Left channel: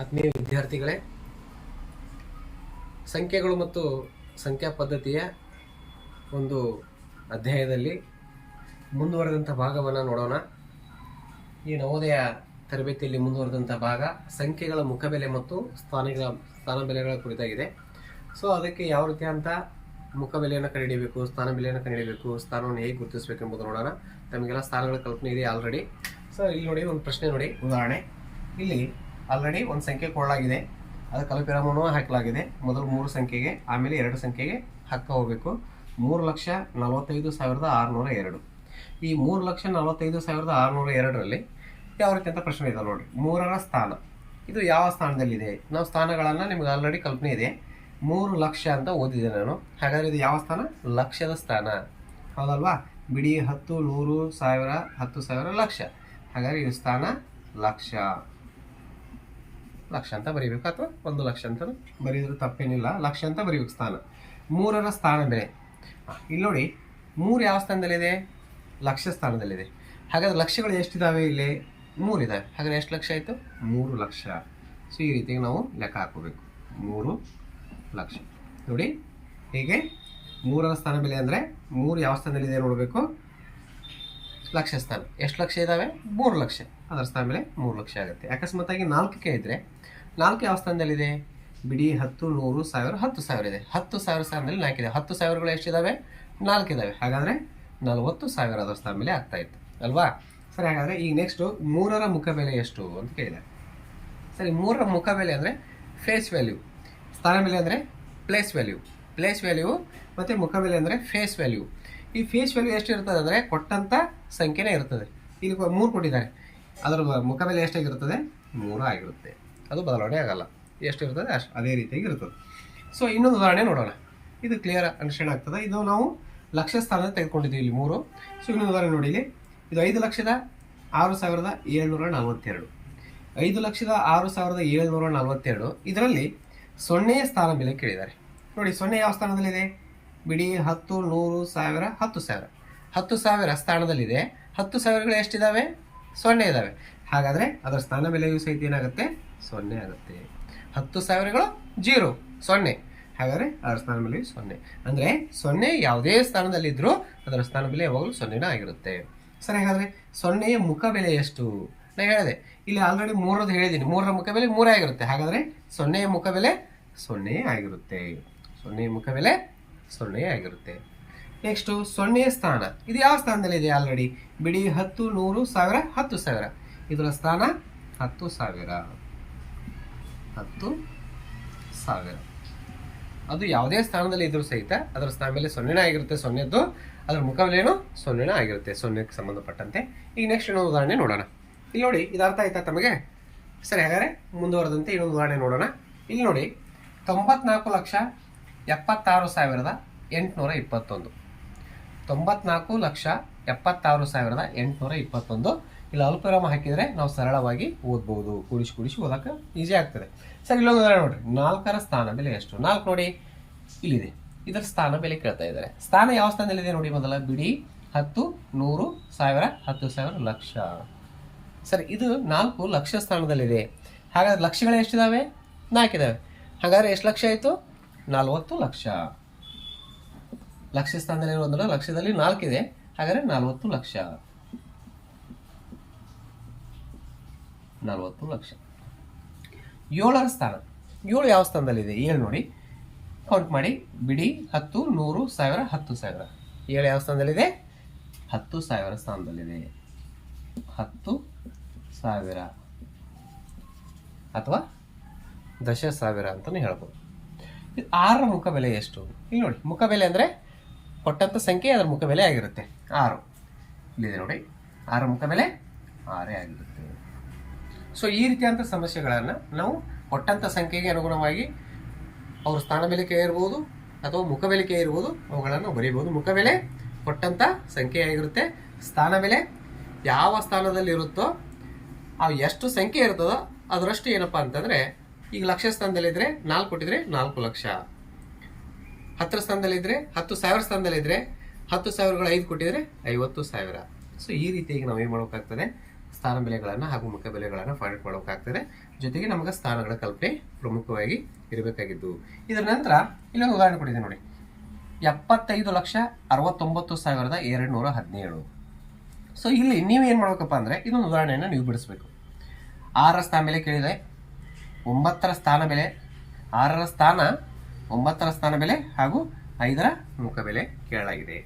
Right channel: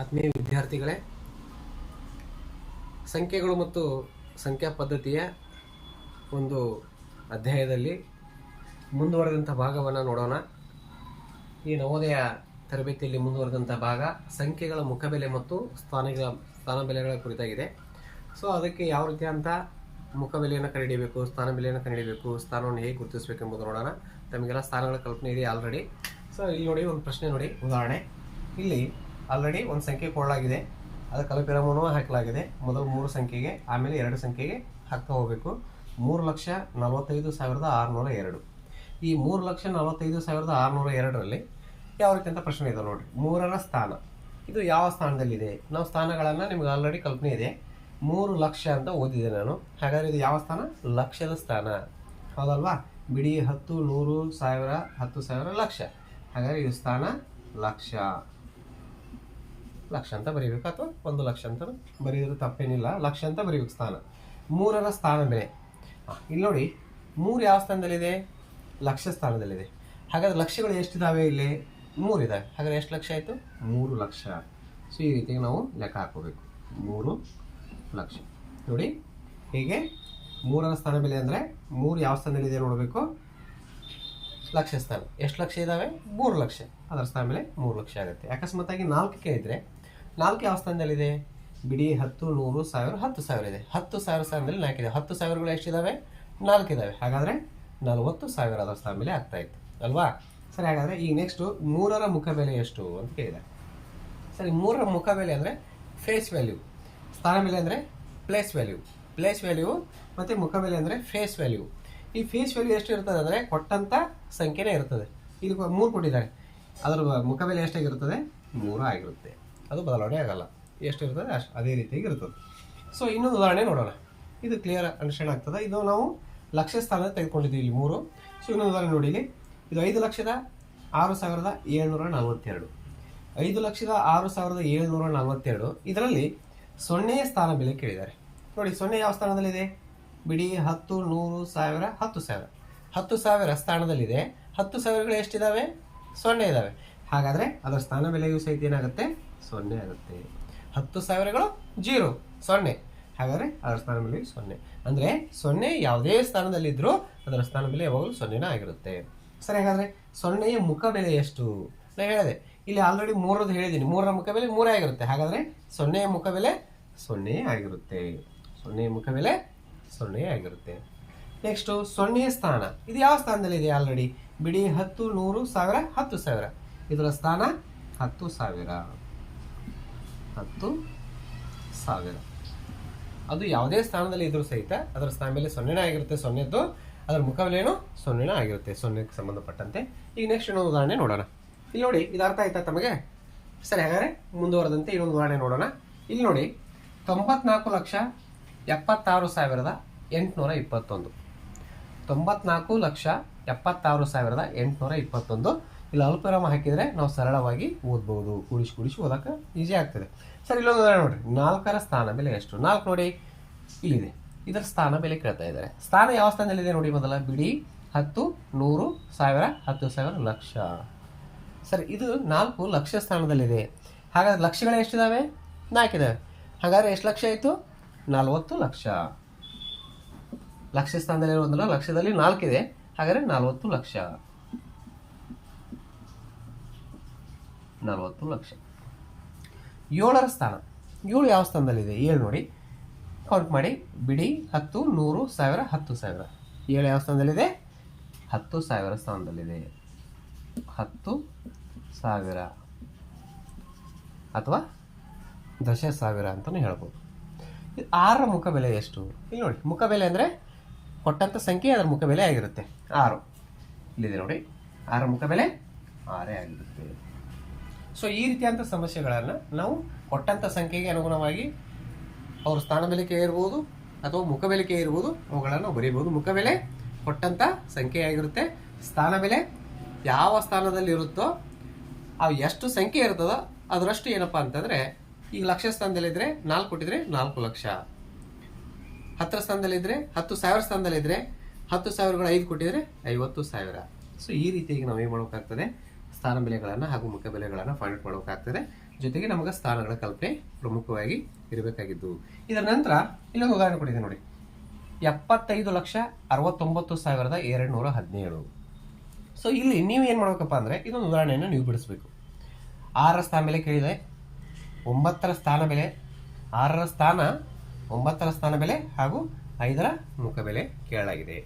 ಆತ್ಮೀಯ ವಿದ್ಯಾರ್ಥಿಗಳೇ, ಸಂಖ್ಯೆಗಳು ಮತ್ತು ಸಂಖ್ಯಾ ಪದ್ಧತಿಯ ಒಂದು ಅಧ್ಯಾಯದಲ್ಲಿ ಮುಂದುವರೆದಂಥ ಭಾಗವನ್ನು ನೋಡೋಣ. ಈ ನವೋದಯ ತರಬೇತಿಯಲ್ಲಿ ಮುಂದುವರೆದಂಥ ಭಾಗ ಸಂಖ್ಯೆಗಳ ಮುಖಬೆಲೆ ಮತ್ತು ಸ್ಥಾನಗಳ ಸ್ಥಾನ ಬೆಲೆಗಳ ಕುರಿತಾಗಿದೆ. ಸೊ ಅದಕ್ಕೆ ಯಾವ ರೀತಿಯಂಥ ಮುಖಬೆಲೆಯನ್ನು ಕಂಡುಹಿಡಿಯಬೇಕು ಸ್ಥಾನ ಬೆಲೆಯನ್ನು ಕಂಡುಹಿಡಿಯಬೇಕು, ಸ್ಥಾನವನ್ನು ಹೇಗೆ ಗುರುತಿಸಬೇಕು ಎಂಬುದು ನೋಡೋಣ. ತಮಗೆಲ್ಲ ಸ್ಥಾನಗಳ ಕಲ್ಪನೆ ಇದೆ ಆಲ್ರೆಡಿ ಸೊ ಇಲ್ಲಿ ನೋಡಿ ಒಂದು ಪ್ರಶ್ನೆ ನೋಡಿ, ಉದಾಹರಣೆ. ಇಲ್ಲಿ ಆಲ್ರೆಡಿ ಒಂದು ಸಂಖ್ಯೆ ಕೊಡಲಾಗಿದೆ ಅದು ಕಲಪಿರಮನೂ ಹಾಕಲಾಗಿದೆ. ಮೊದಲು ಮೂರು ಸಂಖ್ಯೆಗೆ, ಆಮೇಲೆ ಎರಡು ಸಂಖ್ಯೆಗೆ ಹಾಕ್ತಾ ಹೋಗಬೇಕು. ಮೂರು ಲಕ್ಷ ನಲವತ್ತೈದು ಸಾವಿರದ ಆರುನೂರ ಎರಡು. ಈ ಮೂರು ಲಕ್ಷ ನಲವತ್ತೈದು ಸಾವಿರದ ಆರುನೂರ ಎರಡರಲ್ಲಿ ಯಾವ ರೀತಿ ಅಂತ ಪ್ರಶ್ನೆ ಇದೆ ನೋಡಿ ಮೂರರ ಸ್ಥಾನ. ಇದು ಯಾವ ಸ್ಥಾನದಲ್ಲಿದೆ? ನಾವು ಸ್ಥಾನಗಳನ್ನು ನಿಮ್ಗೆ ಆಲ್ರೆಡಿ ಕಲ್ಪನೆ ಇದೆ. ಮೂರು ಲಕ್ಷ ಅಂತ ಓದಿದೆ ನಾನು. ಹಾಗಾದರೆ ಇದು ಯಾವ ಸ್ಥಾನ? ಲಕ್ಷದ ಸ್ಥಾನ. ಹೌದಲ್ವಾ? ಬಿಡಿ ಹತ್ತು, ನೂರು, ಸಾವಿರ, ಹತ್ತು ಸಾವಿರ ಲಕ್ಷ. ಹಾಗಾದರೆ ಇದು ಸ್ಥಾನ ಲಕ್ಷ. ಲಕ್ಷ ಅಂತ ಬರೀಬೇಕು ಅಥವಾ ಒಂದು ಲಕ್ಷ ಅಂತ ಬರೀದ್ರು ತಪ್ಪೇನಿಲ್ಲ. ಲಕ್ಷ ಅಂತ ಬರೀಬೇಕು ಸ್ಥಾನ. ಮೂರರ ಸ್ಥಾನ ಬೆಲೆ. ಇಲ್ಲಿ ನೋಡಿ, ಮೂರು ಯಾವ ಸ್ಥಾನದಲ್ಲಿದೆ? ಲಕ್ಷ ಸ್ಥಾನದಲ್ಲಿದೆ. ಹಾಗಾದ್ರೆ ಲಕ್ಷಗಳು ಎಷ್ಟಿದಾವೆ ಇಲ್ಲಿ? ಮೂರು ಇದಾವೆ ಹಾಗಾದ್ರೆ ಎಷ್ಟು ಲಕ್ಷ ಆಯಿತು? ಮೂರು ಲಕ್ಷ. ಸೊ, ಈ ರೀತಿಯಾಗಿ ನಾವು ಲೆಕ್ಕ ಹಾಕೋಬೇಕು ಮೂರು ಲಕ್ಷ. ನೋಡಿ, ಹೀಗೆ ಮೂರರ ಸ್ಥಾನ ಬೆಲೆ ಅಂದರೆ ಮೂರು ಯಾವ ಸ್ಥಾನದಲ್ಲಿದೆ ನೋಡಬೇಕು? ಲಕ್ಷ ಸ್ಥಾನ. ಎಷ್ಟು ಲಕ್ಷ ಇದ್ದಾವೆ ಮೂರು ಲಕ್ಷ. ಅದರ ಸ್ಥಾನ ಮೇಲೆ ಮೂರು ಲಕ್ಷ ಆಗುತ್ತೆ. ಅಕಸ್ಮಾತಾಗಿ ನಾಲ್ಕಕ್ಕೆ ಇದ್ದರೆ ನಾಲ್ಕು ಯಾವ ಸ್ಥಾನದಲ್ಲಿದೆ ಬಿಡಿ ಹತ್ತು, ನೂರು, ಸಾವಿರ, ಹತ್ತು ಸಾವಿರ ಇದೆ. ಹತ್ತು ಸಾವಿರ ಸ್ಥಾನದಲ್ಲಿ ನಾಲ್ಕಿದೆ. ಹತ್ತು ಸಾವಿರಗಳು ಎಷ್ಟಿದ್ದಾವೆ ನಾಲ್ಕಿದ್ದಾವೆ ಹಾಗಾದರೆ ನಲವತ್ತು ಸಾವಿರ ಅದರ ಸ್ಥಾನ ಮೇಲೆ ಆಗ್ತಾ ಇತ್ತು. ಅಲ್ವಾ? ಸರಿ, ಹಾಗಾದರೆ ಈಗ ನೆಕ್ಸ್ಟು ಮೂರರ ಮುಖ ಬೆಲೆ ಎಷ್ಟು ಅಂತ ಕೇಳಿದೆ. ಸರಿ, ಮೂರರ ಮುಖ ಬೆಲೆ ಅಂದರೆ ಫೇಸ್ ವ್ಯಾಲ್ಯೂ ಸ್ಥಾನ ಬೆಲೆ ಅಂದರೆ ಪ್ಲೇಸ್ ವ್ಯಾಲ್ಯೂ ಪ್ಲೇಸ್ ವ್ಯಾಲ್ಯೂ ಮತ್ತು ಮುಖ ಬೆಲೆ ಅಂದರೆ ಫೇಸ್ ವ್ಯಾಲ್ಯೂ ಈ ಫೇಸ್ ವ್ಯಾಲ್ಯೂ ಎಷ್ಟು ಇರ್ತದೆ ಅಂದರೆ ಕೊಟ್ಟಂಥ ಸಂಖ್ಯೆನೇ ಇರ್ತದೆ. ಇಲ್ಲಿ ಮೂರು ಕೊಟ್ಟಿದ್ದಾರೆ. ಅದರ ಮುಖ ಬೆಲೆ ಎಷ್ಟಾಗಿರ್ತದೆ ಮೂರು ಆಗಿರುತ್ತೆ. ಅದು ಬದಲಾವಣೆ ಆಗಲ್ಲ. ಎಷ್ಟು ಇರ್ತದೆ ಅಷ್ಟು ಅದೇ ರೀತಿಯಾಗಿ ಇರ್ತದೆ. ಸೊ ಇನ್ನೊಂದು ಉದಾಹರಣೆ ನೋಡೋಣ. ಇದು ಕ್ಲಿಯರ್ ಅಂಡರ್ಸ್ಟ್ಯಾಂಡ್ ಆಗ್ತದೆ? ಇದು ನಾವು ಲಕ್ಷ ಸ್ಥಾನ ತೆಗೆದುಕೊಂಡಿದ್ದೀವಿ ಇಲ್ಲಿ ಮೂರು. ಸೊ ಇನ್ನೊಂದು ಉದಾಹರಣೆ ನೋಡಿ ಇಲ್ಲಿ. ಇದು ಐದು ಲಕ್ಷದ ಆರು ಸಾವಿರದ ಏಳ್ನೂರ ನಲವತ್ತೆರಡು. ಐದು ಲಕ್ಷದ ಆರು ಸಾವಿರದ ಏಳ್ನೂರ ನಲವತ್ತೆರಡು. ಇದರಲ್ಲಿ ಸೊನ್ನೆಯ ಸ್ಥಾನ ಬೆಲೆ ಕೇಳಿದ್ದಾರೆ. ನೋಡಿ ಸೊನ್ನೆ ಯಾವ ಸ್ಥಾನದಲ್ಲಿದೆ? ಬಿಡಿ ಹತ್ತು ನೂರು ಸಾವಿರ ಹತ್ತು ಸಾವಿರ. ಹತ್ತು ಸಾವಿರ ಸ್ಥಾನದಲ್ಲಿದೆ. ಹತ್ತು ಸಾವಿರಗಳು ಎಷ್ಟಿದ್ದಾವೆ ಸೊನ್ನೆ ಇದ್ದಾವೆ ಹಾಗಾದರೆ ಅದರ ಸ್ಥಾನ ಬೆಲೆಯೂ ಸಹಿತ ಏನಾಗುತ್ತೆ? ಸೊನ್ನೆ ಆಗುತ್ತೆ. ಹತ್ತು ಸಾವಿರಗಳು ಜೀರೋ, ಸೊನ್ನೆ. ಹಾಗಾದರೆ ಅದರ ಸ್ಥಾನ ಬೆಲೆ ಸೊನ್ನೆ. ಅಂದರೆ ಸೊನ್ನೆ ಯಾವುದೇ ಸ್ಥಾನದಲ್ಲಿದ್ದರೂ ಅದರ ಸ್ಥಾನ ಬೆಲೆ ಯಾವಾಗಲೂ ಸೊನ್ನೆನ ಆಗಿರುತ್ತೆ. ಸರಿ, ಹಾಗಾದರೆ ಸೊನ್ನೆಯ ಮುಖ ಬೆಲೆ ಎಷ್ಟು? ನಾನು ಹೇಳಿದೆ. ಇಲ್ಲಿ ಆಲ್ರೆಡಿ ಮೂರದ್ದು ಹೇಳಿದ್ದೀನಿ. ಮೂರರ ಮುಖ ಬೆಲೆ ಮೂರೇ ಆಗಿರುತ್ತೆ. ಹಾಗಾದರೆ ಸೊನ್ನೆಯ ಮುಖ ಬೆಲೆ ಸೊನ್ನೆ ಆಗಿರುತ್ತೆ. ಸೊನ್ನೆಯ ಮುಖ ಬೆಲೆ ಸೊನ್ನೆ ಆಗಿರುತ್ತೆ. ನೆಕ್ಸ್ಟು ಸೊನ್ನೆಯ ಸ್ಥಾನ. ಇದು ಯಾವ ಸ್ಥಾನದಲ್ಲಿದೆ ಆಲ್ರೆಡಿ ಬಿಡಿ ಹತ್ತು, ನೂರು, ಸಾವಿರ, ಹತ್ತು ಸಾವಿರ. ಇದರ ಸ್ಥಾನ ಹತ್ತು ಸಾವಿರ. ಹತ್ತು ಸಾವಿರ. ಅದು ಯಾವುದೇ ಸ್ಥಾನದಲ್ಲಿ ಇದ್ರೂ ಸಹಿತ ಅದರ ಸ್ಥಾನ ಮೇಲೆ ಸೊನ್ನೆನೇ ಆಗಿರುತ್ತೆ, ಸೊನ್ನೆದ್ದು. ಅದರ ಮುಖಬೆಲೆನೂ ಸೊನ್ನೆನೇ ಆಗಿರುತ್ತೆ ಸೊನ್ನೆಗೆ ಸಂಬಂಧಪಟ್ಟಂತೆ. ಈಗ ನೆಕ್ಸ್ಟ್ ಇನ್ನೊಂದು ಉದಾಹರಣೆ ನೋಡೋಣ. ಇಲ್ಲಿ ನೋಡಿ, ಇದು ಅರ್ಥ ಆಯ್ತಾ ತಮಗೆ? ಸರಿ, ಹಾಗಾದ್ರೆ ಮುಂದುವರೆದಂತೆ ಇನ್ನೊಂದು ಉದಾಹರಣೆ ನೋಡೋಣ. ಇಲ್ಲಿ ನೋಡಿ, ತೊಂಬತ್ನಾಲ್ಕು ಲಕ್ಷ ಎಪ್ಪತ್ತಾರು ಸಾವಿರದ ಎಂಟುನೂರ ಇಪ್ಪತ್ತೊಂದು. ತೊಂಬತ್ನಾಲ್ಕು ಲಕ್ಷ ಎಪ್ಪತ್ತಾರು ಸಾವಿರದ ಎಂಟುನೂರ ಇಪ್ಪತ್ತೊಂದು. ಇಲ್ಲಿ ಅಲ್ಪವಿರಾಮ ಹಾಕಿದರೆ ನಾವು ಸರಳವಾಗಿ ಓದ್ಬೋದು. ಕೂಡಿಸಿ ಕೂಡಿಸಿ ಓದಕ್ಕೆ ಈಸಿ ಆಗ್ತದೆ. ಸರ್, ಇಲ್ಲೊಂದು ಉದಾಹರಣೆ ನೋಡ್ರಿ. ನಾಲ್ಕರ ಸ್ಥಾನ ಬೆಲೆ ಎಷ್ಟು? ನಾಲ್ಕು ನೋಡಿ. ಇಲ್ಲಿದೆ. ಇದರ ಸ್ಥಾನ ಬೆಲೆ ಕೇಳ್ತಾ ಇದ್ದಾರೆ. ಸ್ಥಾನ ಯಾವ ಸ್ಥಾನದಲ್ಲಿದೆ ನೋಡಿ ಮೊದಲ? ಬಿಡಿ, ಹತ್ತು, ನೂರು, ಸಾವಿರ, ಹತ್ತು ಸಾವಿರ, ಲಕ್ಷ. ಸರ್, ಇದು ನಾಲ್ಕು ಲಕ್ಷ ಸ್ಥಾನದಲ್ಲಿದೆ. ಹಾಗಾದ್ರೆ ಲಕ್ಷಗಳು ಎಷ್ಟಿದಾವೆ? ನಾಲ್ಕಿದಾವೆ ಹಾಗಾದ್ರೆ ಎಷ್ಟು ಲಕ್ಷ ಆಯಿತು? ನಲವತ್ತು ಲಕ್ಷ. ಲಕ್ಷ ಸ್ಥಾನದಲ್ಲಿ ಒಂದಲ್ಲ, ಲಕ್ಷದಲ್ಲಿ ನಾಲ್ಕಿದೆ ಹಾಗಾದ್ರೆ ನಲವತ್ತು ಲಕ್ಷ. ನಲವತ್ತು ಲಕ್ಷ. ಏಳರ ಸ್ಥಾನ. ಏಳು ಯಾವ ಸ್ಥಾನದಲ್ಲಿದೆ? ಏಳು ನೋಡಿ. ಕೌಂಟ್ ಮಾಡಿ. ಬಿಡಿ. ಹತ್ತು ನೂರು ಸಾವಿರ ಹತ್ತು ಸಾವಿರ. ಏಳು ಯಾವ ಸ್ಥಾನದಲ್ಲಿದೆ? ಹತ್ತು ಸಾವಿರ ಸ್ಥಾನದಲ್ಲಿದೆ. ಹತ್ತು ಸಾವಿರ. ಅಥವಾ ದಶ ಸಾವಿರ ಅಂತಲೂ ಹೇಳ್ಬೋದು. ಇದು ಆರರ ಮುಖ ಬೆಲೆ ಎಷ್ಟು? ಇಲ್ಲಿ ನೋಡಿ. ಮುಖ ಬೆಲೆ ಅಂದರೆ ಕೊಟ್ಟಂಥ ಸಂಖ್ಯೆ ಅದರ ಮುಖ ಬೆಲೆ ಆಗಿರುತ್ತೆ. ಆರು. ಇಲ್ಲಿದೆ ನೋಡಿ. ಆರ ಮುಖ ಬೆಲೆ ಆರೇ ಆಗಿರುತ್ತೆ. ಸೊ ಈ ರೀತಿಯಾದಂಥ ಸಮಸ್ಯೆಗಳನ್ನು ನಾವು ಕೊಟ್ಟಂಥ ಸಂಖ್ಯೆಗೆ ಅನುಗುಣವಾಗಿ ಅವ್ರ ಸ್ಥಾನ ಬೆಲಿಕೆ ಇರ್ಬೋದು ಅಥವಾ ಮುಖ ಬೆಲಿಕೆ ಇರ್ಬೋದು ಅವುಗಳನ್ನು ಬರೀಬೋದು ಮುಖ ಬೆಲೆ ಕೊಟ್ಟಂಥ ಸಂಖ್ಯೆ ಆಗಿರುತ್ತೆ. ಸ್ಥಾನ ಬೆಲೆ ಯಾವ ಸ್ಥಾನದಲ್ಲಿರುತ್ತೋ ಆ ಎಷ್ಟು ಸಂಖ್ಯೆ ಇರ್ತದೋ ಅದರಷ್ಟು ಏನಪ್ಪ ಅಂತಂದರೆ ಈಗ ಲಕ್ಷ ಸ್ಥಾನದಲ್ಲಿದ್ದರೆ ನಾಲ್ಕು ಕೊಟ್ಟಿದ್ರೆ ನಾಲ್ಕು ಲಕ್ಷ. ಹತ್ತರ ಸ್ಥಾನದಲ್ಲಿದ್ದರೆ ಹತ್ತು ಸಾವಿರ ಸ್ಥಾನದಲ್ಲಿದ್ದರೆ ಹತ್ತು ಸಾವಿರಗಳು ಐದು ಕೊಟ್ಟಿದ್ರೆ ಐವತ್ತು ಸಾವಿರ. ಸೊ ಈ ರೀತಿಯಾಗಿ ನಾವು ಏನು ಮಾಡಬೇಕಾಗ್ತದೆ? ಸ್ಥಾನ ಬೆಲೆಗಳನ್ನು ಹಾಗೂ ಮುಖ್ಯ ಬೆಲೆಗಳನ್ನು ಫೈಂಡ್ ಔಟ್ ಜೊತೆಗೆ ನಮಗೆ ಸ್ಥಾನಗಳ ಕಲ್ಪನೆ ಪ್ರಮುಖವಾಗಿ ಇರಬೇಕಾಗಿದ್ದು. ಇದರ ನಂತರ ಇಲ್ಲೊಂದು ಉದಾಹರಣೆ ಕೊಟ್ಟಿದೆ ನೋಡಿ. ಎಪ್ಪತ್ತೈದು ಲಕ್ಷ ಅರವತ್ತೊಂಬತ್ತು ಸಾವಿರದ ಎರಡು ನೂರ ಹದಿನೇಳು. ಸೊ ಇಲ್ಲಿ ನೀವು ಏನು ಮಾಡಬೇಕಪ್ಪ ಅಂದರೆ ಇದೊಂದು ಉದಾಹರಣೆಯನ್ನು ನೀವು ಬಿಡಿಸ್ಬೇಕು. ಆರರ ಸ್ಥಾನ ಬೆಲೆ ಕೇಳಿದೆ. ಒಂಬತ್ತರ ಸ್ಥಾನ ಬೆಲೆ, ಆರರ ಸ್ಥಾನ, ಒಂಬತ್ತರ ಸ್ಥಾನ ಬೆಲೆ ಹಾಗೂ ಐದರ ಮುಖ ಬೆಲೆ ಕೇಳಲಾಗಿದೆ.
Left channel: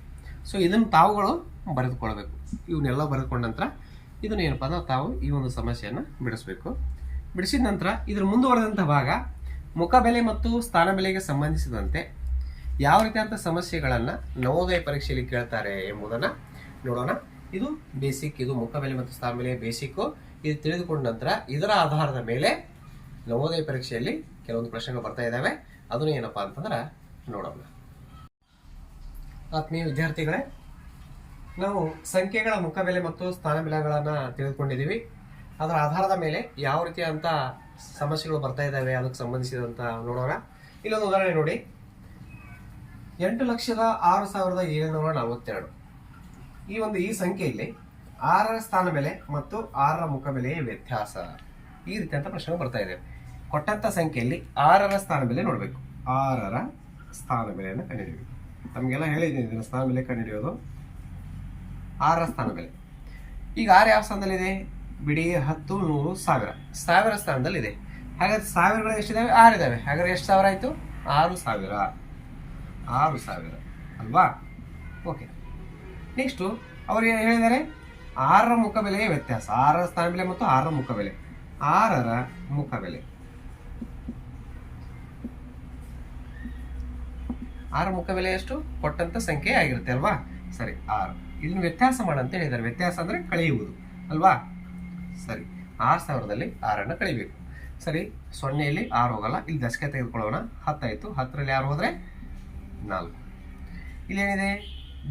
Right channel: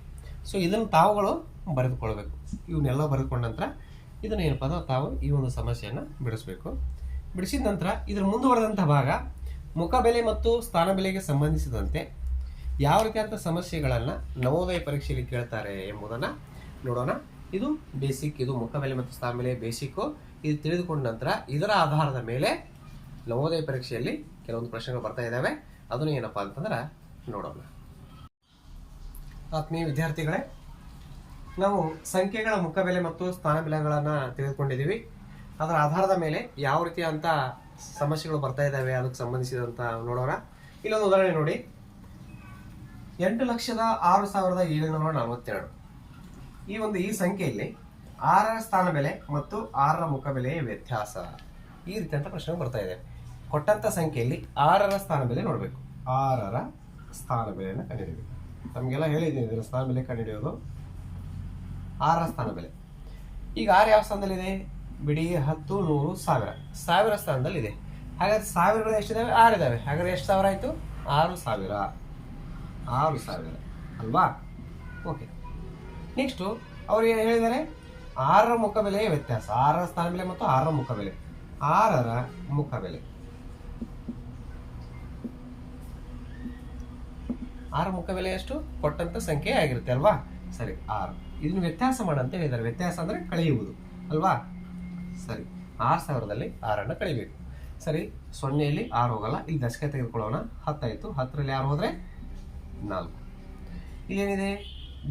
ಸೊ ಇದನ್ನು ತಾವುಗಳು ಬರೆದುಕೊಳ್ಬೇಕು. ಇವನ್ನೆಲ್ಲ ಬರೆದುಕೊಂಡ ನಂತರ ಇದನ್ನು ಏನಪ್ಪ ಅಂದ್ರೆ ತಾವು ಈ ಒಂದು ಸಮಸ್ಯೆಯನ್ನು ಬಿಡಿಸಬೇಕು. ಬಿಡಿಸಿದ ನಂತರ ಇದ್ರ ಮುಂದುವರೆದಂಥ ಭಾಗ ಮುಖ ಬೆಲೆ ಮತ್ತು ಸ್ಥಾನ ಬೆಲೆಗೆ ಸಂಬಂಧಿಸಿದಂತೆ ಯಾವ ರೀತಿಯಾದಂಥ ಸಮಸ್ಯೆಗಳನ್ನು ನವೋದಯ ಪರೀಕ್ಷೆಯಲ್ಲಿ ಕೇಳ್ತಾರೆ ಎಂಬುದನ್ನು ನೋಡೋಣ. ಇದು ಬೇಸಿಕ್ ಇದು ಮುಖ ಬೆಲೆ ಮತ್ತು ಸ್ಥಾನ ಬೆಲೆ ಬೇಸಿಕ್ಕು ಇದು ತಿಳಿದುಕೊಂಡ ನಂತರ ಇದರ ಆಧಾರದ ಮೇಲೆ ನವೋದಯ ಪರೀಕ್ಷೆಯಲ್ಲಿ ಕೆಲವೊಂದು ಪ್ರಶ್ನೆಗಳು ಬರ್ತಾ ಇದ್ದಾವೆ ಅದನ್ನು ಏನಪ್ಪಾ ಅಂತಂದ್ರೆ ನೋಡೋಣ. ಆತ್ಮೀಯ ವಿದ್ಯಾರ್ಥಿಗಳೇ ನಾವು ಸಂಖ್ಯೆಗಳ ಮುಖ ಬೆಲೆ ಮತ್ತು ಸ್ಥಾನ ಬೆಲೆಗಳನ್ನು ತಿಳಿದುಕೊಂಡಿದ್ದೀವಿ. ಅದರ ಆಧಾರದ ಮೇಲೆ ಯಾವ ರೀತಿಯಾದಂಥ ಸಮಸ್ಯೆಗಳು ಬರ್ತಾ ಇದ್ದಾವೆ ಅದಕ್ಕೆ ಸಂಬಂಧಿಸಿದಂತ ನೋಡೋಣ. ಇಲ್ಲೊಂದು ಉದಾಹರಣೆ ನೋಡಿ. ಎಂಟು ಲಕ್ಷದ ಆರು ಸಾವಿರದ ಏಳುನೂರ ನಲವತ್ತೆರಡು. ಈ ಒಂದು ಈ ಸಂಖ್ಯೆಯಲ್ಲಿ ಆರರ ಸ್ಥಾನ ಬೆಲೆ ಮತ್ತು ಆರರ ಮುಖ ಬೆಲೆಯ ವ್ಯತ್ಯಾಸ. ಈ ರೀತಿಯಂಥ ಪ್ರಶ್ನೆ ಬರ್ತಾ ಇದೆ. ಕೊಟ್ಟಂತ ಸಂಖ್ಯೆಯಲ್ಲಿ ಆರರ ಸ್ಥಾನ ಬೆಲೆ ನೋಡಬೇಕು. ಆರರ ಸ್ಥಾನ ಬೆಲೆಯನ್ನು ಕಂಡುಹಿಡಿಯಬೇಕು ತಮಗೆಲ್ಲ ಹೇಳಿದ್ದೀನಿ, ಇದರ ಸ್ಥಾನ ಬೆಲೆ ಕಂಡುಹಿಡಿಯೋದು. ಆರರ ಸ್ಥಾನ ಬೆಲೆ ಈಗ ಆರು ಯಾವ ಸ್ಥಾನದಲ್ಲಿದೆ? ಬಿಡಿ ಹತ್ತು, ನೂರು, ಸಾವಿರ. ಸಾವಿರ ಸ್ಥಾನದಲ್ಲಿದೆ. ಹಾಗಾದ್ರೆ ಸಾವಿರಗಳು ಎಷ್ಟಿದಾವೆ? ಆರು ಇದಾವೆ. ಹಾಗಾದ್ರೆ ಎಷ್ಟು ಸಾವಿರ ಆಯಿತು? ಆರು ಸಾವಿರ. ಆರು ಸಾವಿರ. ಅಲ್ವಾ? ಓಕೆ. ನೆಕ್ಸ್ಟು ಅವ್ರು ಏನು ಹೇಳಿದ್ದಾರೆ? ಆರರ ಮುಖ ಬೆಲೆಯ ವ್ಯತ್ಯಾಸ. ಆರರ ಸ್ಥಾನ ಬೆಲೆ ಮತ್ತು ಆರರ ಮುಖ ಬೆಲೆ. ಆರರ ಮುಖ ಬೆಲೆ. ಆರ ಮುಖ ಬೆಲೆ ಎಷ್ಟು? ಕೊಟ್ಟಂತ ಸಂಖ್ಯೆ ಆಗಿರುತ್ತೆ, ಅಲ್ವಾ? ಸರಿ, ಆರು. ಇದನ್ನು ವ್ಯತ್ಯಾಸ ಮಾಡಂತ ಹೇಳಿದ್ದಾರೆ. ವ್ಯತ್ಯಾಸ ಅಂದರೆ ಕಳೆಯುವುದು, ಅಲ್ವಾ? ಸರಿ, ಆರು ಸಾವಿರದಲ್ಲಿ ಆರನ್ನು ಕಳಿಬೇಕು ಸರಿ, ಸೊನ್ನೆಯಲ್ಲಿ ಆರು ಹೋಗಲ್ಲ. ಇಲ್ಲಿ ದಶಕ ತೆಗೆದುಕೊಳ್ಳೋಣ. ಹತ್ತಾಯಿತು. ಹತ್ತರಲ್ಲಿ ಆರು ಹೋದರೆ ನಾಲ್ಕು. ಇಲ್ಲೇನಿದೆ?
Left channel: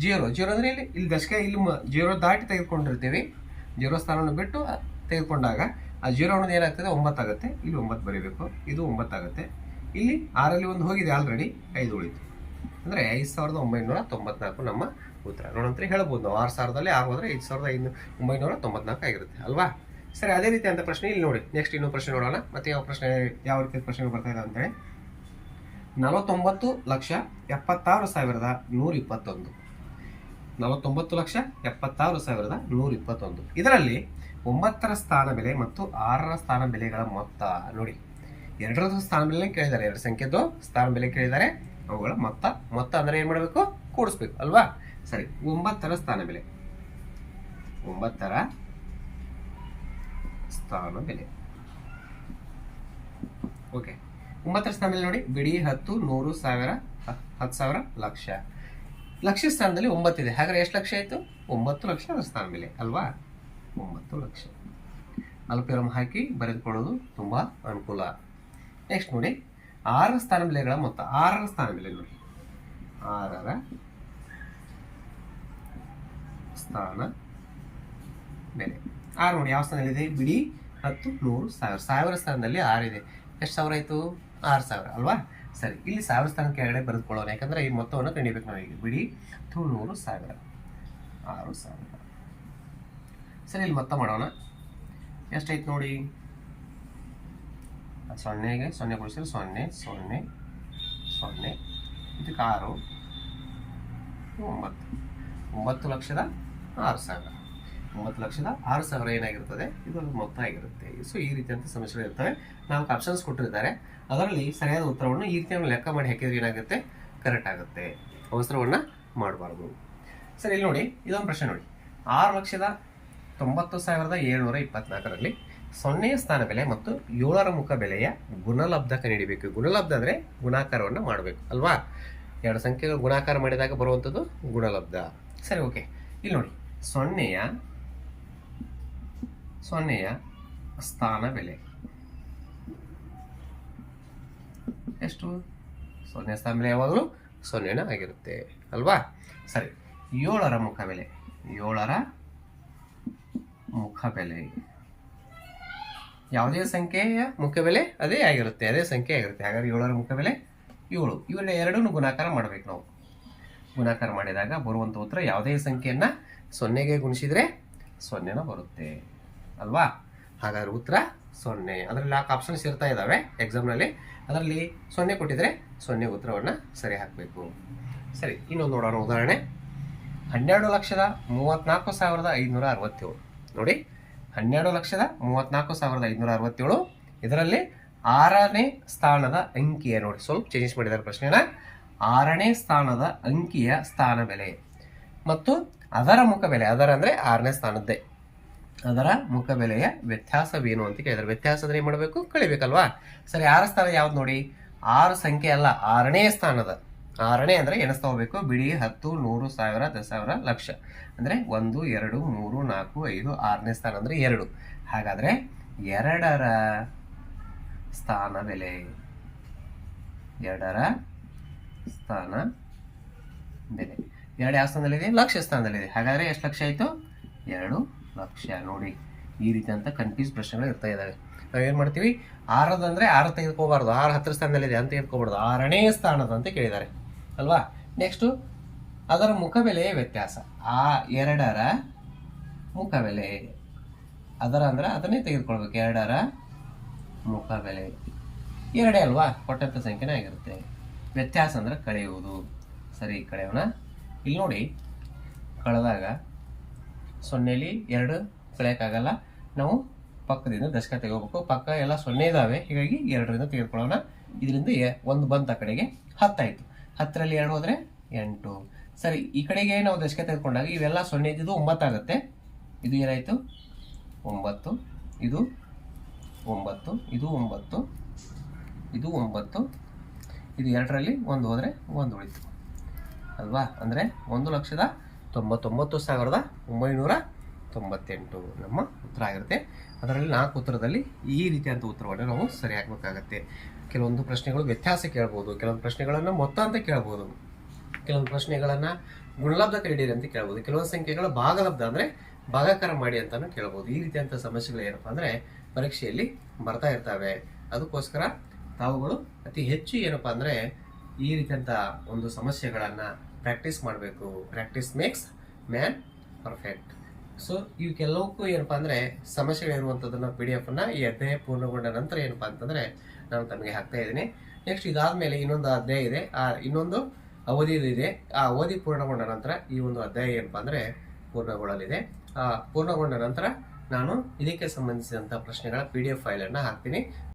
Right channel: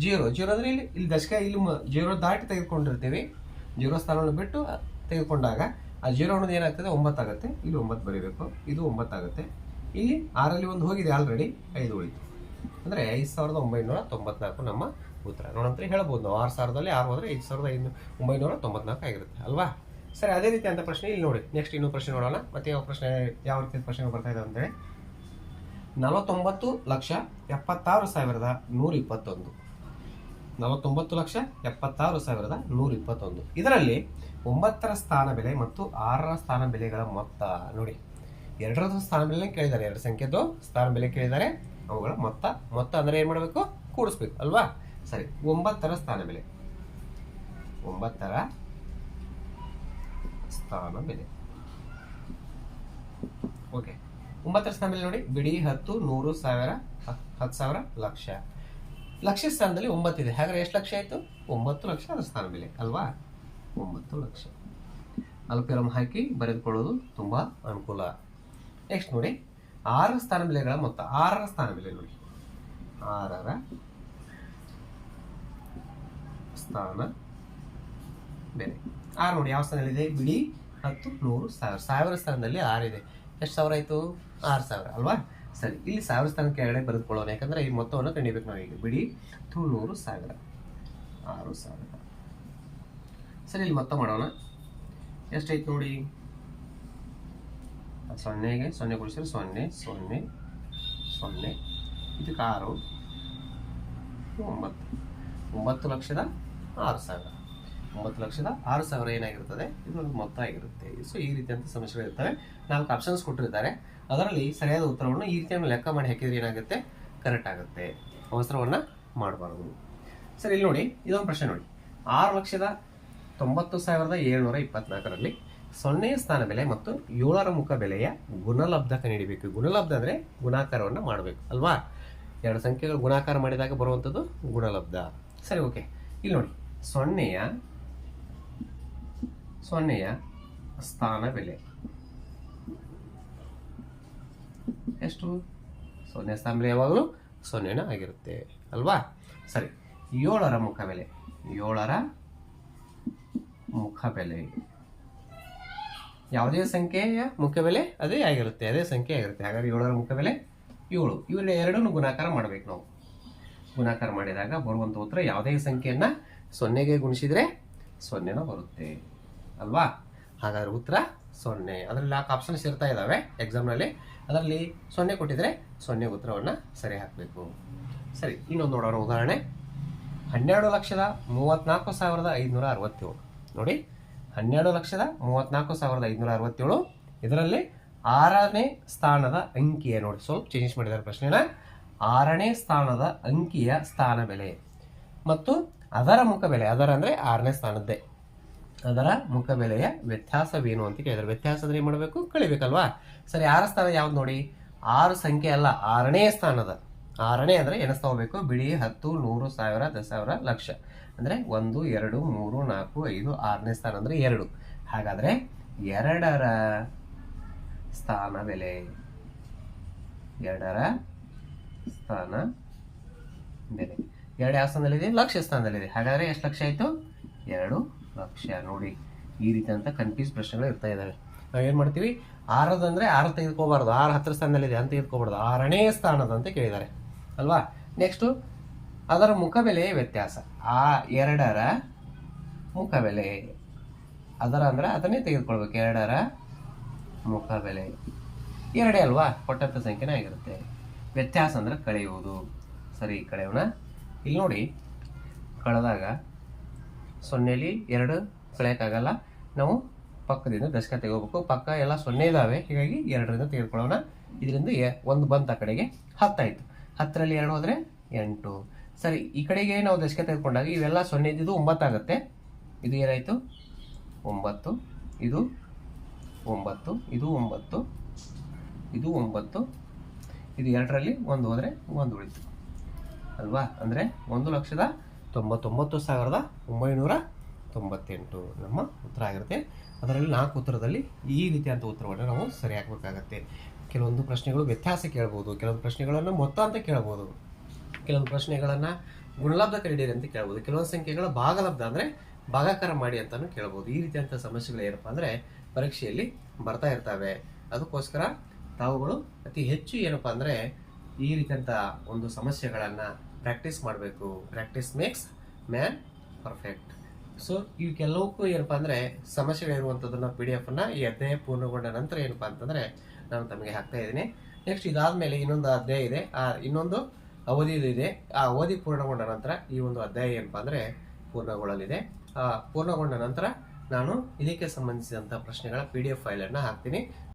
ಜೀರೋ. ಜೀರೋ ಅಂದರೆ ಇಲ್ಲಿ ಇಲ್ಲಿ ದಶಕ, ಇಲ್ಲಿ ಜೀರೋ ದಾಟಿ ತೆಗೆದುಕೊಂಡಿರ್ತೀವಿ. ಜೀರೋ ಸ್ಥಾನವನ್ನು ಬಿಟ್ಟು ತೆಗೆದುಕೊಂಡಾಗ ಆ ಜೀರೋ ಅನ್ನೋದು ಏನಾಗ್ತದೆ? ಒಂಬತ್ತಾಗುತ್ತೆ ಇಲ್ಲಿ ಒಂಬತ್ತು ಬರೀಬೇಕು. ಇದು ಒಂಬತ್ತಾಗುತ್ತೆ ಇಲ್ಲಿ ಆರಲ್ಲಿ ಒಂದು ಹೋಗಿದೆ ಆಲ್ರೆಡಿ. ಐದು ಉಳಿತು. ಅಂದರೆ ಐದು ಸಾವಿರದ ಒಂಬೈನೂರ ತೊಂಬತ್ನಾಲ್ಕು ನಮ್ಮ ಉತ್ತರ. ನೋಡಂತ ಹೇಳ್ಬೋದು ನಾವು ಆರು ಸಾವಿರದಲ್ಲಿ ಆರು ಹೋದರೆ ಐದು ಸಾವಿರದ ಐದು ಒಂಬೈನೂರ ತೊಂಬತ್ನಾಲ್ಕು ಆಗಿರುತ್ತೆ, ಅಲ್ವಾ? ಸರಿ, ಅದೇ ರೀತಿ ಅಂತ ಪ್ರಶ್ನೆ ಇಲ್ಲಿ ನೋಡಿ. ನೆಕ್ಸ್ಟ್ ಇನ್ನೊಂದು ಪ್ರಶ್ನೆ ನೋಡೋಣ. ಮತ್ತೆ ಯಾವ ಪ್ರಶ್ನೆ ಯಾವ ರೀತಿ ಪ್ರಶ್ನೆ ಬರ್ತಾ ಇದೆ ಅಂತೇಳಿ. ನಲವತ್ತೊಂಬತ್ತು ಲಕ್ಷ ಎಪ್ಪತ್ತಾರು ಸಾವಿರದ ನೂರ ಇಪ್ಪತ್ತೊಂದು. ನಲವತ್ತೊಂಬತ್ತು ಲಕ್ಷ ಎಪ್ಪತ್ತಾರು ಸಾವಿರದ ನೂರ ಇಪ್ಪತ್ತೊಂದು. ಇದರಲ್ಲಿ ಒಂಬತ್ತರ ಸ್ಥಾನ ಬೆಲೆ ಮತ್ತು ಆರರ ಸ್ಥಾನ ಬೆಲೆಗಳ ಮೊತ್ತ ನೋಡಿ. ಎರಡರದ್ದು ಸ್ಥಾನ ಬೆಲೆ ಕೇಳಿದ್ದಾರೆ. ಎರಡು ಸಂಖ್ಯೆದು ಸ್ಥಾನ ಬೆಲೆ ಕೇಳಿದ್ದಾರೆ. ಅವುಗಳ ಮೊತ್ತ ಮೊತ್ತ ಅಂದರೆ ಏನು ಮಾಡಬೇಕು? ಕೂಡಿಸ್ಬೇಕು, ಅಲ್ವಾ? ಸರಿ, ಒಂಬತ್ತರ ಸ್ಥಾನ ಬೆಲೆ. ಒಂಬತ್ತರ ಸ್ಥಾನ ಬೆಲೆ. ಓಕೆ, ಒಂಬತ್ತರ ಸ್ಥಾನ ಬೆಲೆ ನೋಡಿ. ಬಿಡಿ ಹತ್ತು, ನೂರು, ಸಾವಿರ ಹತ್ತು ಸಾವಿರ, ಲಕ್ಷ. ಲಕ್ಷ ಸ್ಥಾನದಲ್ಲಿ ಒಂಬತ್ತಿದೆ ಹಾಗಾದ್ರೆ ಎಷ್ಟು ಲಕ್ಷ ಆಯಿತು? ಒಂಬತ್ತು ಲಕ್ಷ ಅದರ ಸ್ಥಾನ ಬೆಲೆ, ಅಲ್ವಾ? ಒಂಬತ್ತು ಲಕ್ಷ. ಅಲ್ಪಿರಂ ಹಾಕಿ ಬರೆದುಕೊಳ್ಳೋದು ತುಂಬಾ ಅನುಕೂಲ. ನೆಕ್ಸ್ಟ್ ನೋಡಿ, ಆರರ ಸ್ಥಾನ ಬೆಲೆಗಳ ಮೊತ್ತ. ಆರರ ಸ್ಥಾನ ಬೆಲೆ ನೋಡಿ. ಆರರ ಸ್ಥಾನ. ಬೇರೆ ಆರು ನೋಡಿ ಯಾವ ಸ್ಥಾನದಲ್ಲಿದೆ? ಬಿಡಿ, ಹತ್ತು, ನೂರು, ಸಾವಿರ. ಸಾವಿರ ಸ್ಥಾನದಲ್ಲಿ ಆರಿದೆ. ಎಷ್ಟು ಸಾವಿರ ಆಯಿತು? ಆರು ಸಾವಿರ, ಅಲ್ವಾ? ಸರಿ, ಇಲ್ಲಿ ಸಾವಿರ ಸ್ಥಾನ ಕೆಳಗಡೆ ಬರೆದುಕೊಳ್ಳೋಣ. ಯಾಕಂದರೆ ಈ ಮೊತ್ತವನ್ನು ಕಂಡಿಬೇಕು ನಾವು ಬಿಡಿ, ಹತ್ತು, ನೂರು, ಸಾವಿರ. ಆರು ಸಾವಿರ. ಸರಿ, ಇಲ್ಲಿ ಮೊತ್ತ ಮಾಡೋಣ. ಎಷ್ಟಾಯ್ತು ನೋಡಿ? ಸೊನ್ನೆಗೆ, ಸೊನ್ನೆ ಕೊಡಿಸಿದ್ರೆ ಸೊನ್ನೆ ಸೊನ್ನೆ ಸೊನ್ನೆ. ಇದಕ್ಕೆ ಆರು ಇದು ಒಂಬತ್ತು. ಒಂಬತ್ತು ಲಕ್ಷದ ಆರು ಸಾವಿರ. ಒಂಬತ್ತು ಲಕ್ಷದ ಆರು ಸಾವಿರ ಏನಾಗಿರ್ತದೆ? ಇದು ಒಂದು ಮೊತ್ತ ಆಗಿರುತ್ತೆ. ಸೊ ಈ ರೀತಿಯಂಥ ಸಮಸ್ಯೆಗಳು ಇರ್ತವೆ. ನಾಲ್ಕು ಆಪ್ಷನ್ಸ್ ಕೊಟ್ಟಿರ್ತಾರೆ. ಅದರಲ್ಲಿ ಸರಿಯಾದ ಉತ್ತರವನ್ನು ಈ ರೀತಿಯನ್ನು ಲೆಕ್ಕ ಮಾಡಿ ಹಾಕಿದ್ರೆ ಏನಾಗುತ್ತೆ? ಕರೆಕ್ಟ್ ಆಗುತ್ತೆ. ಅವಸರವನ್ನು ಮಾಡಬಾರ್ದು. ಸರಿ, ಇಲ್ಲಿ ನೋಡಿ. ಇದೊಂದು ಪ್ರಶ್ನೆ ನೋಡಿ. ಆರು ಲಕ್ಷದ ತೊಂಬತ್ತು ಸಾವಿರದ ಏಳ್ನೂರ ಇಪ್ಪತ್ನಾಲ್ಕರಲ್ಲಿ ಸೊನ್ನೆಯ ಸ್ಥಾನ ಬೆಲೆ ಮತ್ತು ಏಳರ ಮುಖ ಬೆಲೆಯ ಗುಣಲಬ್ಧ ನೀಡಬೇಕು ಗುಣಲಬ್ಧ ಅಂದರೆ ಗುಣಾಕಾರವನ್ನು ಮಾಡಬೇಕು, ಅಲ್ವಾ? ಎರಡು ಸಂಖ್ಯೆಗಳು ಗುಣಾಕಾರ ಮಾಡಿದಾಗ ಬರುವಂಥದ್ದು ಗುಣಲಬ್ಧ. ಸರಿ ಓಕೆ ಇಲ್ಲಿ ನೋಡಿ. ಸೊನ್ನೆಯ ಸೊನ್ನೆಯ ಸ್ಥಾನ ಬೆಲೆ. ಎಷ್ಟು? ಸೊನ್ನೆ ಸ್ಥಾನ ಬೆಲೆ ಯಾವಾಗಲೂ ಸೊನ್ನೆನ ಆಗಿರುತ್ತೆ, ಅಲ್ವಾ? ಸರಿ, ಏಳರ ಮುಖ ಬೆಲೆ. ಏಳರ ಮುಖ ಬೆಲೆ. ಯಾವುದೇ ಸಂಖ್ಯೆಯ ಮುಖ್ಯ ಬೆಲೆ ಅದೇ ಆಗಿರುತ್ತೆ, ಅದೇ ಸಂಖ್ಯೆ ಆಗಿರುತ್ತೆ. ಹಾಗಾದ್ರೆ ಏಳರ ಮುಖ ಬೆಲೆ ಏಳು. ಇವೆಲ್ಲ ಎರಡನ್ನು ಗುಣಾಕಾರ ಮಾಡ್ಬೇಕು ನಾವು. ಗುಣಾಕಾರ ಮಾಡಿದಾಗ ಬರುವಂಥ ಉತ್ತರ ಯಾವುದೇ ಸಂಖ್ಯೆಯನ್ನ ಸೊನ್ನೆಗೆ ಗುಣಿಸಿದ್ರೆ ಸೊನ್ನೆನ ಬರುತ್ತೆ. ಅಲ್ವಾ? ಹಾಗಾದ್ರೆ ಉತ್ತರ ಸೊನ್ನೆ. ಅದರಲ್ಲಿ ನಾಲ್ಕು ಆಪ್ಷನ್ಸ್ ಇರ್ತಾ ಇದ್ದಾವೆ ಎಕ್ಸಾಮ್ನಲ್ಲಿ ಅದರಲ್ಲಿ ಸೊನ್ನೆ ಕೊಟ್ಟಿದ್ರೆ ಸೊನ್ನೆ ಉತ್ತರವನ್ನು ಸರಿ ಹಾಕಬೇಕು. ಸರಿ, ಇನ್ನೊಂದು ನೋಡೋಣ ಉದಾಹರಣೆ. ಹನ್ನೆರಡು ಲಕ್ಷದ ಮೂವತ್ನಾಲ್ಕು ಸಾವಿರದ ಐದುನೂರ ಅರವತ್ತೇಳು. ನೋಡಿ, ಹನ್ನೆರಡು ಲಕ್ಷದ ಮೂವತ್ನಾಲ್ಕು ಸಾವಿರದ ಐದುನೂರ ಅರವತ್ತೇಳು. ಇದರಲ್ಲಿ ಆರನೇ ಸ್ಥಾನದ ಅಂಕಿಯ ನೋಡಿ. ಸ್ವಲ್ಪ ಚೇಂಜ್ ಮಾಡಿದ್ದಾರೆ ಪ್ರಶ್ನೆನ. ಆರನೇ ಸ್ಥಾನದ ಅಂಕಿಯ ಸ್ಥಾನ ಬೆಲೆ. ಮತ್ತು ಅದರ ಮುಖ ಬೆಲೆ, ಅದರ ಅಂದರೆ ಆರನೇ ಸ್ಥಾನದ್ದೇ. ಅದರ ಮುಖ ಬೆಲೆಯ ವ್ಯತ್ಯಾಸವೇನು ಅಂತ ಕೇಳಿದ್ರೆ, ವ್ಯತ್ಯಾಸ ಅಂದರೆ ಏನು ಮಾಡಬೇಕು? ಕಳಿಬೇಕಲ್ವಾ? ಸರಿ, ಆರ ಸ್ಥಾನ ಯಾವ್ದು ನೋಡಿ? ಆರು ಸಂಖ್ಯೆ ಅಲ್ಲ, ಆರನೇ ಸ್ಥಾನದ. ಆರನೇ ಅಂದರೆ ಎಣಿಸ್ತಾ ಹೋಗ್ಬೇಕು ಬಿಡಿ, ಹತ್ತು, ನೂರು, ಸಾವಿರ ದಸ ಸಾವಿರ ಲಕ್ಷ. ಅಂದರೆ ಒಂದು, ಎರಡು, ಮೂರು, ನಾಲ್ಕು, ಐದು, ಆರನೇ ಸ್ಥಾನ ಅಂದರೆ ಎರಡು. ಹಾಗಾದರೆ ಎರಡರ ಸ್ಥಾನ ಬೆಲೆ, ಎರಡರ ಸ್ಥಾನ ಬೆಲೆ. ಎರಡು ಯಾವ ಸ್ಥಾನದಲ್ಲಿದೆ ಲಕ್ಷ ಸ್ಥಾನದಲ್ಲಿದೆ ಹಾಗಾದರೆ ಎಷ್ಟು ಲಕ್ಷ ಆಯಿತು? ಎರಡು ಲಕ್ಷ. ನೋಡಿ, ಈ ರೀತಿ ಅಂತ ಕನ್ಫ್ಯೂಸ್ ಪ್ರಶ್ನೆಗಳು ಇರ್ತಾ ಇದ್ದಾವೆ. ನಾವೇನು ಮಾಡ್ತೀವಿ? ಆರದಂದರೆ ಆರು ತೆಗೆದುಕೋಬಾರ್ದು. ಆರು ಹತ್ತಿರ ಸ್ಥಾನದಲ್ಲಿದೆ ಅಂತ ತೆಗೆದುಕೋಬಾರ್ದು ಆರನೇ ಸ್ಥಾನದ ಅಂತ ಕೇಳಿದ್ದಾರೆ. ಅಲ್ವಾ? ನೆಕ್ಸ್ಟು ಅದರ ಮುಖಬೆಲೆ ವ್ಯತ್ಯಾಸ. ಆ ಎರಡರ ಮುಖಬೆಲೆ ಅದರ ಅಂದ್ರೆ ಅದನ್ನೇ ತೆಗೆದುಕೊಳ್ಬೇಕು. ಎರಡರ ಮುಖಬೆಲೆ ಎರಡೇ ಅಲ್ವಾ? ಕೊಟ್ಟಂಥ ಸಂಖ್ಯೆನೇ ಆಗಿರುತ್ತೆ. ವ್ಯತ್ಯಾಸ ಅಂದರೆ ಕಳೆಯುವುದು. ಸರಿ, ಕಳೆಯೋಣ. ಇಲ್ಲಿ ನೋಡಿ, ಕಳೆದಾಗ ಸೊನ್ನೆಲಿ ಎರಡು ಕಳೆಯೋಕ್ಕಾಗಲ್ಲ ನಾವು ಪಕ್ಕದಿಂದ ದಶಕ ತೆಗೋಬೇಕು ಪಕ್ಕ ಎಲ್ಲ ಸೊನ್ನೆ ಇದ್ದಾವೆ ಹೀಗಾಗಿ ಎರಡರಿಂದ ತೆಗೆದುಕೊಳ್ಳೋಣ. ಇದರಿಂದ ಒಂದು ಬಂತ ಕಡೆಗೆ ಹತ್ತಾಯಿತು. ಹತ್ತರಲ್ಲಿ ಎರಡು ಹೋದರೆ ಎಂಟು. ಸರಿ, ಈ ಕಡೆಗೆ ನಾವು ದಶಕ ತೆಗೆದುಕೊಂಡಾಗ ಇವೆಲ್ಲ ಸೊನ್ನೆ ಇದ್ದಿದ್ದು ಒಂಬತ್ತಾಗುತ್ತೆ. ಇದು ಏನಾಯಿತು? ಒಂಬತ್ತು. ಇದು ಒಂಬತ್ತು. ಇದು ಒಂಬತ್ತು. ಇದು ಒಂಬತ್ತು. ಇದು ಎರಡರಲ್ಲಿ ಒಂದು ಹೋದರೆ ಒಂದು ಉಳಿತು. ಅಲ್ವಾ? ಅಂದರೆ ಒಂದು ಲಕ್ಷದ ತೊಂಬತ್ತೊಂಬತ್ತು ಸಾವಿರದ ಒಂಬೈನೂರ ತೊಂಬತ್ತೆಂಟು. ನಮ್ಮ ಉತ್ತರ ಆಗಿರುತ್ತೆ. ಅದರಲ್ಲಿ ನಾಲ್ಕು ಉತ್ತರದಲ್ಲಿ ಈ ರೀತಿಯಾದಂಥ ಉತ್ತರವನ್ನು ನಾವು ಸರಿ ಹಾಕಬೇಕಾಗತ್ತೆ. ಕೆಲವೊಂದು ಪ್ರಶ್ನೆಗಳು ವ್ಯತ್ಯಾಸ ಕೇಳ್ಬೋದು. ಕೆಲವೊಂದು ಪ್ರಶ್ನೆಗಳನ್ನು ಮೊತ್ತ ಅಂತ ಕೇಳ್ಬೋದು. ಕೆಲವೊಂದು ಪ್ರಶ್ನೆಗಳನ್ನು ಗುಣಲಬ್ಧ ಕರೀಡಿರಿ ಅಂತ ಕೇಳ್ಬೋದು. ಕೆಲವೊಂದು ಸಂಖ್ಯೆಗಳು ಭಾಗಲಬ್ಧ ಅಂದರೆ ಭಾಗಾಕಾರ ಮಾಡಿ ಅಂತಲೂ ಕೇಳ್ಬೋದು. ಈ ರೀತಿಯಂಥ ಸಮಸ್ಯೆಗಳು ಏನಪ್ಪ ಅಂದರೆ ಪರೀಕ್ಷೆಯಲ್ಲಿ ಬರ್ತಾ ಇರ್ತವೆ. ಅದಕ್ಕೋಸ್ಕರ ತಾವುಗಳು ಅತಿ ಹೆಚ್ಚು ಏನಪ್ಪ ಅಂದರೆ ಈ ರೀತಿಯಂಥ ಒಂದು ಸಮಸ್ಯೆಗಳನ್ನು ಪ್ರಾಕ್ಟೀಸ್ ಮಾಡಬೇಕು. Practice makes man perfect so ಇವಕ್ಕೆಲ್ಲವಕ್ಕೂ ಏನಪ್ಪ ಅಂದರೆ ಸಮಸ್ಯೆಗಳಿರುವಂಥದ್ದನ್ನು ಪಿ ಡಿ ಎಫನ್ನು ಈ ಅಧ್ಯಾಯ ಪೂರ್ಣಗೊಂಡ ನಂತರ ಏನಪ್ಪ ಅಂತಂದರೆ, ನಾನು ತಮಗೆ ಹಾಕ್ತಾ ಇದ್ದೀನಿ. ನೆಕ್ಸ್ಟ್ ಇದಾದಮೇಲೆ ಇನ್ನೊಂದು ಅಧ್ಯಾಯ ಇದೆ. ಆ, ಇನ್ನೊಂದು ಅವಧಿ ಇದೆ ಆ ಅವಧಿ ಪೂರ್ಣಗೊಂಡ ನಂತರ ಈ ಒಂದು ಅಧ್ಯಾಯ ಏನಪ್ಪ ಅಂದರೆ, ಪೂರ್ಣಗೊಳ್ಳಲಿದೆ. ಪೂರ್ಣಗೊಂಡ ನಂತರ ನಾನು ಇದಕ್ಕೆ ಸಂಬಂಧಿಸಿದಂಥ ಪ್ರಶ್ನೆಗಳ ಪಿ ಡಿ ಎಫ್ ಫೈಲನ್ನು ಹಾಕ್ತೀನಿ.